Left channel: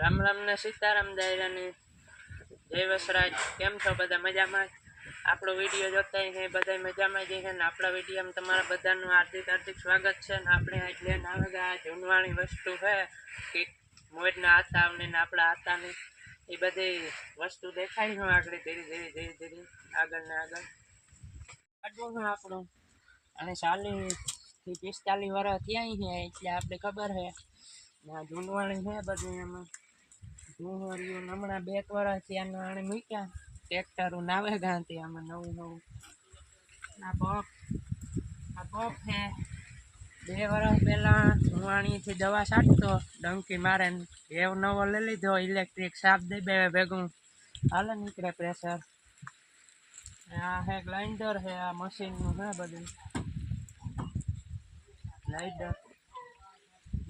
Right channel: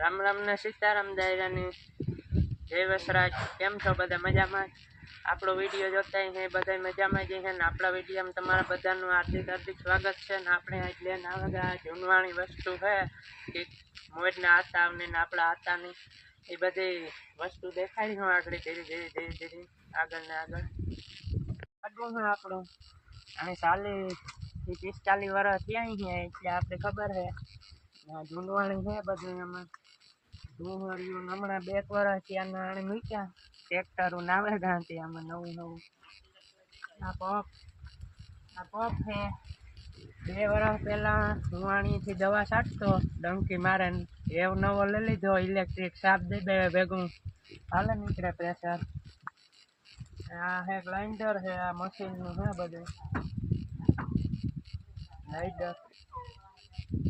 રામ રામ ને સીતારામ દાયરાની જય વસરાજ। કેમ છો બધા? મજામાં? આપણો વિડીયો જોતા હે બધા મજામાં જ છે ને આપણા વિડીયોમાં તમારા બધાનું હાર્દિક હાર્દિક સ્વાગત છે ને આપણે આજ લઈને આવેલા જૂનવાણી વસ્તુ છે કે મોજના આતાને આપણા આતાની એ બધી વસ્તુ દેખાડી હું આગળ ધીરે ધીરે ધીરે ધીરે આગળ ને આગળ કાઢવું છે આપણું અને 40 થી 45 વર્ષ થયા છે એટલે આપણે ખબર છે જૂનવાણી છે બધું એમાં ડુંગળીઓ હમણાં 2 વર્ષ ત્યાંના આણે મૂક્યા ટ્રેક્ટરો નાવે ગાંધી આમાં નવું નવું આ પપ છે 2 વર્ષ પહેલા હું આણીથી દવા છાંટતો ડંકી મારે એવ નવો લઈ લીધો ઇલેક્ટ્રિક સાપ દઈ બે ભેગું હાલે નીકળે પ્રેશર। આ હે ગ્રાઇન્ડર છે આ મશીનનું છે બધું ગ્રાઇન્ડર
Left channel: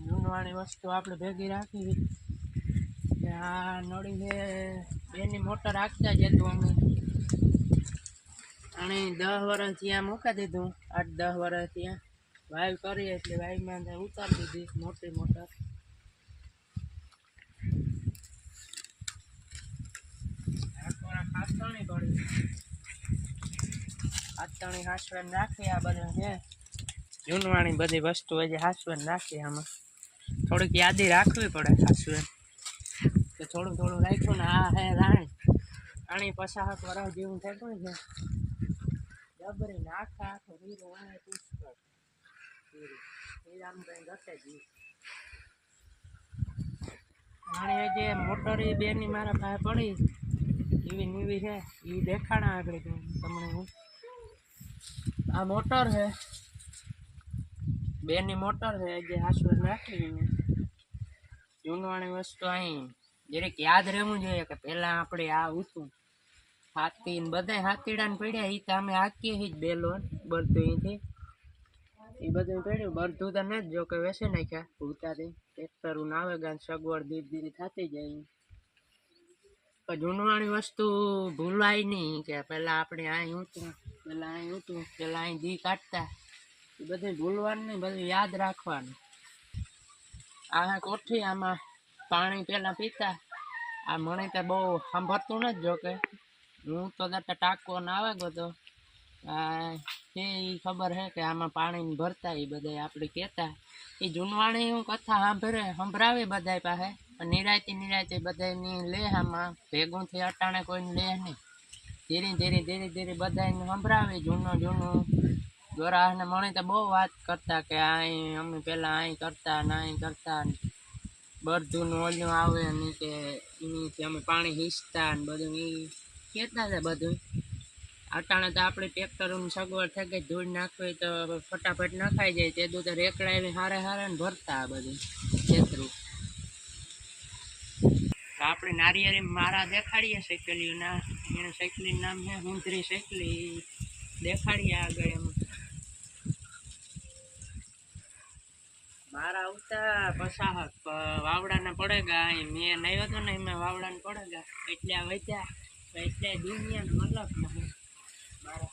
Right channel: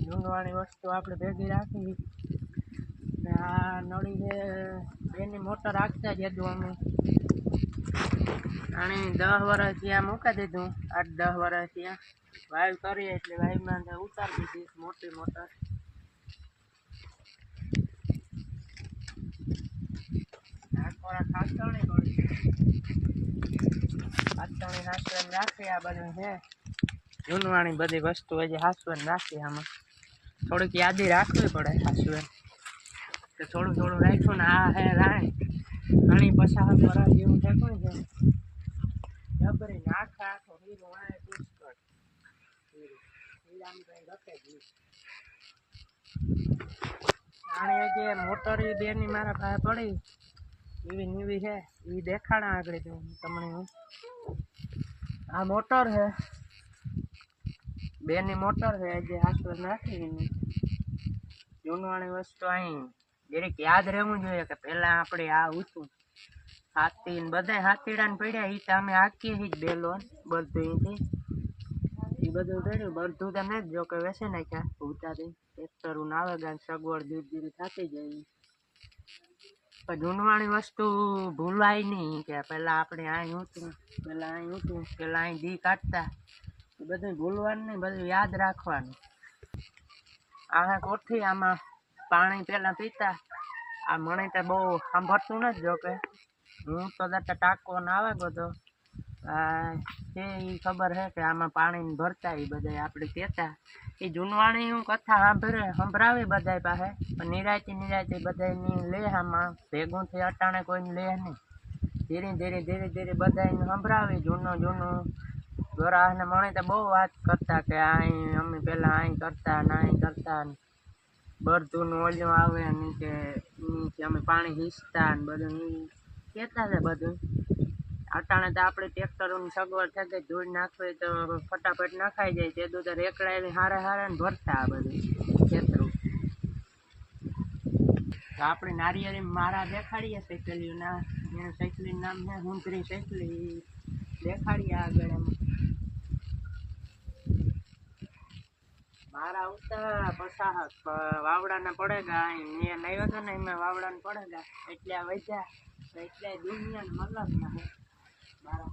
જૂનવાણી વસ્તુ આપણે ભેગી રાખી। આ નળી છે બેની મોટર રાખતા જ હતું અમે અને 10 વર્ષ ત્યાં મૂકી દીધું 8-10 વર્ષ ત્યાં વાયુ કરીએ એટલે વાયુમાં ઉતારી દીધી મોટી મોટર। ખાસણી પડી ખાસણી હાસવાની રાખી આ બધું છે જૂનવાણી બધી વસ્તુ હજી હાસવાની રાખી આમાં થોડીક યાદી રાખવી પડે હાસવાની તો થોડું થોડું રાખ્યું ને આ હે રાણી 50 વર્ષ જેવું થતું છે જબરી આખા આખો હીરો વાય પુષ્કળ હીરામ કઈ ઘટે જ રાણી જે મોટર એ બેની મારા પાસે પડી એવી નીવી છે એ દેખાડા આગળ તમને હું આ મોટર છે બેની મોટર છે જે હાસવર નાખી જૂનવાણી વસ્તુ અહીં દરેક યાદ રહેવું જોઈએ કે પહેલાં આપણે આ હતું હાથી ને બધા હાથીડાને પડ્યા એ તો અમે હાકીએ જ બેલો બધું અહીંથી એ બધું પડ્યું બધું તો નહીં જ જો કે વેસે નાખ્યા ઉતારી ટ્રેક્ટરું આવે ગાન સગવડ ધીરે ધીરે થતી જાય પણ જૂનવાણી વસ્તુ ભૂલાય નહીં કે પહેલાં આપણે અહીં હતું પહેલાં અહીં દી કાઢતા એ બધું ભૂલવાનું નહીં બધું યાદ રાખવાનું। આ હે કોઠી આમાં પાણી પહેલાં પીતા આ મને તો બહુ સાંભળતું નથી જોકે હું તો દાતા ટાંકો ને આવે ગયો એ ખબર છે કે આમાં પાણી ભરતા એ બધા આપણે કહેતા એ જૂનવાણી હું કથા સંભળાવી બધા પાસે પણ નિરાયતી બધાની લે આમાં ભેગું થઈ અટાણે કોઈને લે નહીં ધીરે ધીરે બધાને સંભળાવી જૂનું ગોરાને મને તો બહુ વાત કરતા કે અહીં અમે પહેલાં અહીં કરતા ને અહીં કરતા બરધુંનું ઓલું આવે ને કે એનીથી અમે પાણી હીચતા ને બધું એ કહેતા હતા બધું અટાણે તો આપણે ટ્રેક્ટરોની સગવડ થઈ ગઈ ધૂળ નાખવી તો ફટાફટ નખાઈ જાય તે તો રેકડા એવી હારે ને ભરતા આ બધું ખેતરું તો આપણે નારિયેળી મારા દેખાડીએ સાયકલીઓના એનું સાયકલીનું નામ છે હુંદરી સાયકલી દેખાડીએ આગળ એમાં મારા ઉતા પસાહક વાવડાના પડેગા મેં આવ્યો હતો ને એમાં વાવડાને પડેગા એટલે વધ્યા એટલે દુનિયાને મતલબ ના હું મારા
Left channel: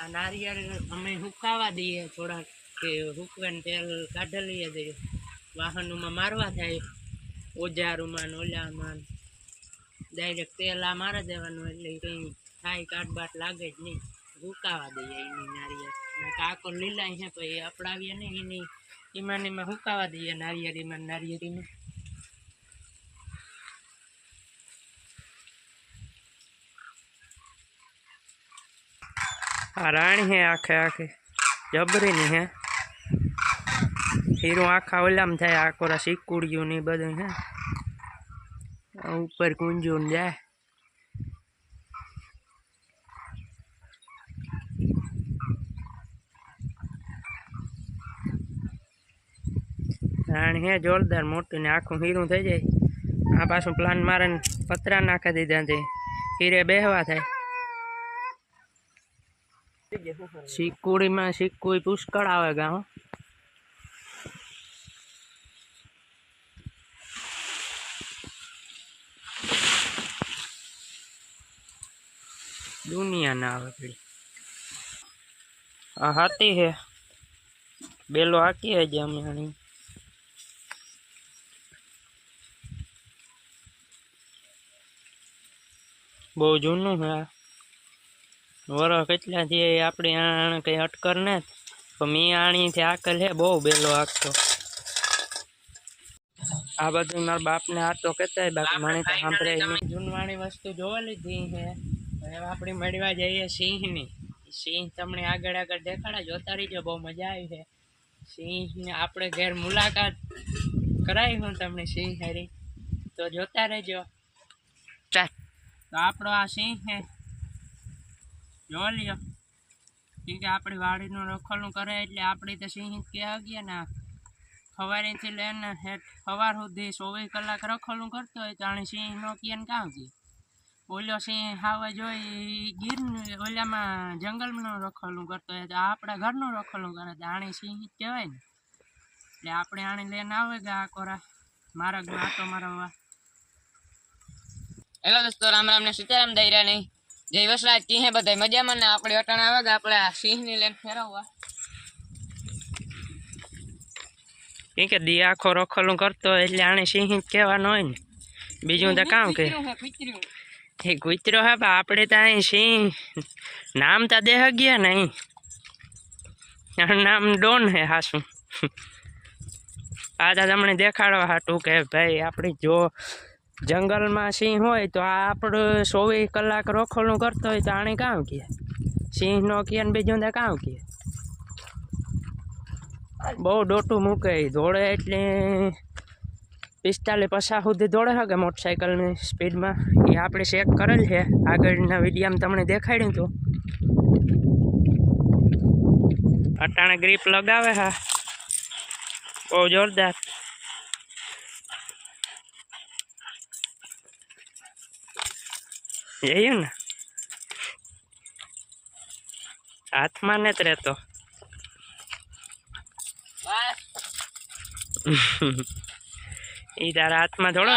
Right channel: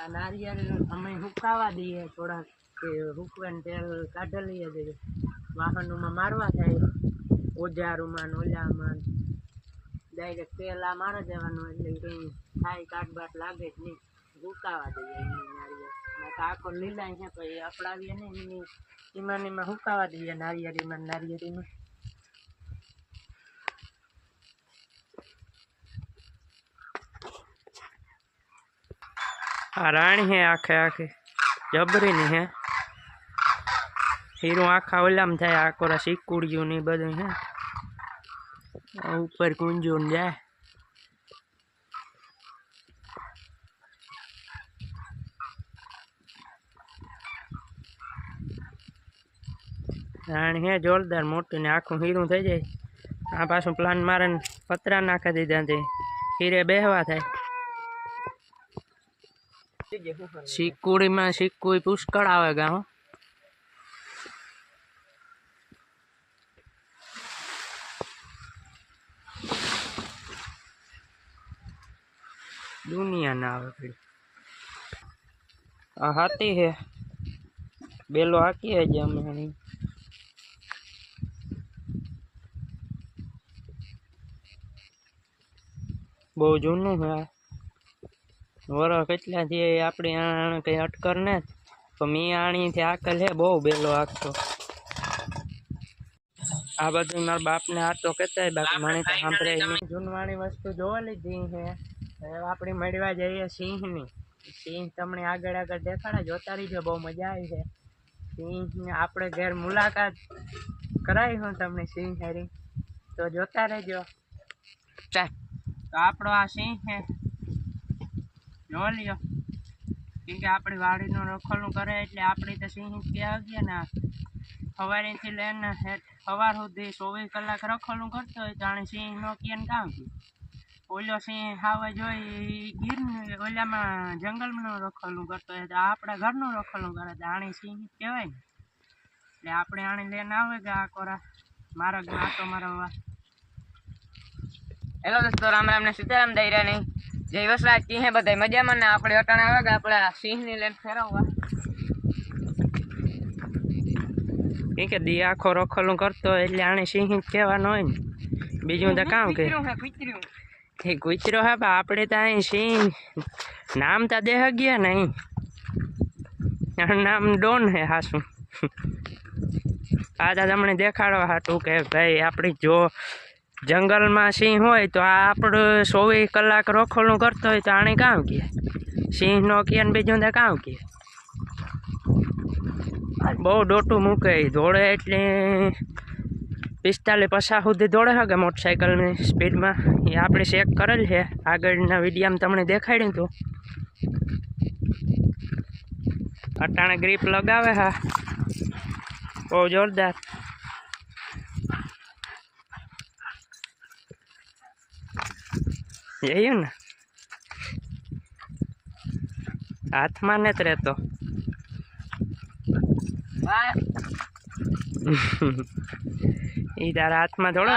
આ નારિયેળ અમે હુકાવા દઈએ થોડાક કે હુકવાને તેલ કાઢી લઈએ દઈએ વાહનોમાં મારવા થાય ઓજારોમાં ઓલામાં ડાયરેક્ટ તેલ આ મારી દેવાનું એટલે કંઈ થાય કાટબાટ લાગે જ નહીં હુકાવા દઈએ એની નારિયેળ કાકો લીલા છે પછી અપડાવીએ નહીં એની એમાં હુકાવા દઈએ નારિયેળીમાં આ રાણી હે આખે જબરીની હે હીરું આખા ઓલામ થાય આકોરા શીકુડિયું ને બધું હે ઉપર કુંજું જાય રાણી હે જોરદાર મોટી ને આખું હીરું થઈ જાય આ પાછું પ્લાન મારે પતરા નાખી દીધા છે હીરે બેહવા થાય શીકુડીમાં શીકુડી પુષ્કળ આવે ગા ના આવે પડી આ હાથી હે બેલો હાકી હે જે અમે આની બહુ જૂનું હે વરસ કેટલાથી આપણે આને કંઈ અટકર ને તો મેં આણીથી આકલ હે બહુ બેલો હાકતો આ બધું મારા બાપને આ તો કહેતા બાકી મને તો સાંભળે જૂનવાણી વસ્તુ જોવા લીધી હે હવે આપણે મળવા જઈએ સિંહની સિંહ તમને આગળ આગળ દેખાડા જોતા રહીજો બહુ મજા આવી છે સિંહને આપણે ઘેર મુલાકાત કરાવી હું તમને સિંહ હારી તો જોતા રહેજો તો આપણો આ સિંહ છે જોઈ લ્યો કેમ કે આપણી વાડીનું રખોલું કરે એટલે આપણી તો સિંહ ક્યાં ગયા ને સવારેથી લઈને સવાર સુધી 24 કલાક રખોલું કરતો હોય તો આને સિંહ નો ક્યાં કામ છે ઓલો સિંહ ખાવા જોઈ ગીરનું ઓલામાં જંગલનું રખોલું કરતો હોય તો આપણા ઘરનું રખોલું કરે તો આને સિંહ કહેવાય ને એટલે આપણે આને લઈને આવે કે આ કોરા મારા આટો મારવા હેલો દોસ્તો રામ રામ ને સીતારામ દઈરા નહીં જય વસરાજ કી હે બધા મજામાં ને આપણે અટાણે આવે કે આપણે સિંહની લઈને ફેરવવા કે દી આખો રખોલું કરતો હોય એટલે આને સિંહ જ કહેવાનો હોય ને બીજું તો કામ કે એ કૂતરો હે આપણે તો અહીં સિંહ નામ તો દેહ ગયા ને અહીં નામ ડોન હે હાસું આ તો તમને દેખાડવા હાટું કે ભાઈ આપણી જો જંગલમાં સિંહ હોય તો આ આપણું 24 કલાક રખોલું કરતો હોય તો આને કામ કહે સિંહ નો કહે ને બીજું તો કામ કહે બહુ ડોટું મૂકે દોડે એટલે 45-50 સુધી દોડે છે કે મોટરસાઇકલની સ્પીડમાં એ આપણે ચેક કરેલ છે આગળના વિડીયામાં તમને દેખાડ્યું હતું અટાણે ગ્રીપ લગાવે હા બહુ જોરદાર જોયું ને હાથમાં ને જ રહેતો એ તારા હાથમાં થોડો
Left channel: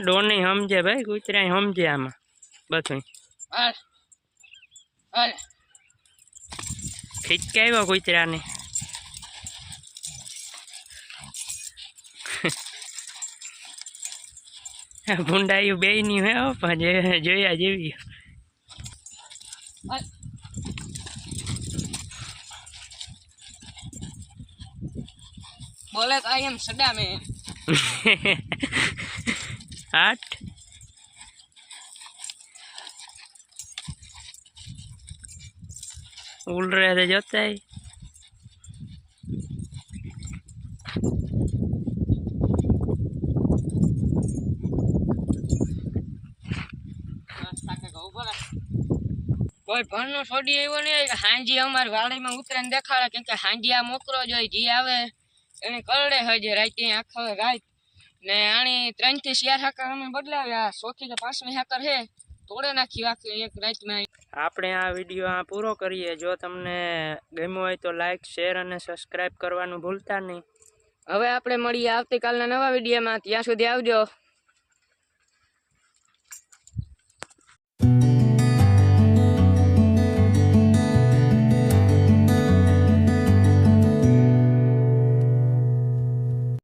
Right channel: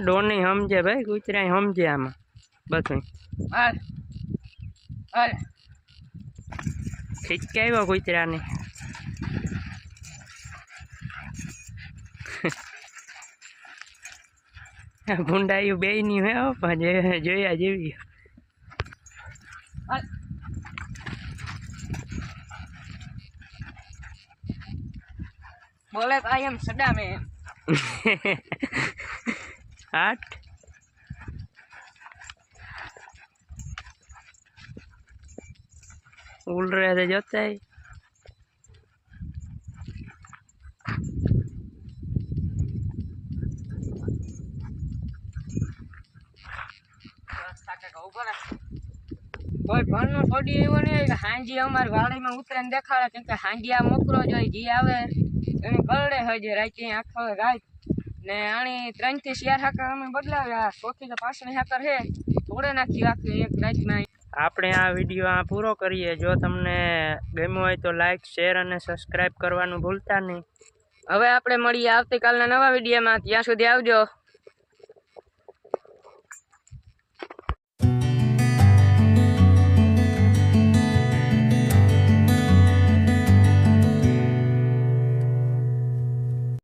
ડોની સમજે ભાઈ કૂતરા સમજે આમાં બધું ખીચકે આવ્યો કૂતરાને ભૂંડાયું બે ની હે પણ જોયા જેવી બોલે તો આઈ એમ સડા મે 8 उड़ रहे थे जोते ही કોઈ ભણનું છોડી એવું નહીં કે હાંજી અમારી વાડીમાં ઉતરે ને દેખાડે કેમ કે હાંજી આ મોકરો જોઈ જી આવે એને કરડે હજી રાતે આખો રાત ને આણી 3 થી 4 હાકર અમે બદલાવ્યા 100 થી 5 હાકર હે તોડે નાખી આખી એક રાતમાં આપણે આ વિડીયો આ પૂરો કરીએ જો તમને ગમ્યું હોય તો લાઈક શેર અને સબસ્ક્રાઇબ કરવાનું ભૂલતા નહીં હવે આપણે મળીએ આવતીકાલના નવા વિડીયોમાં ત્યાં સુધી આવજો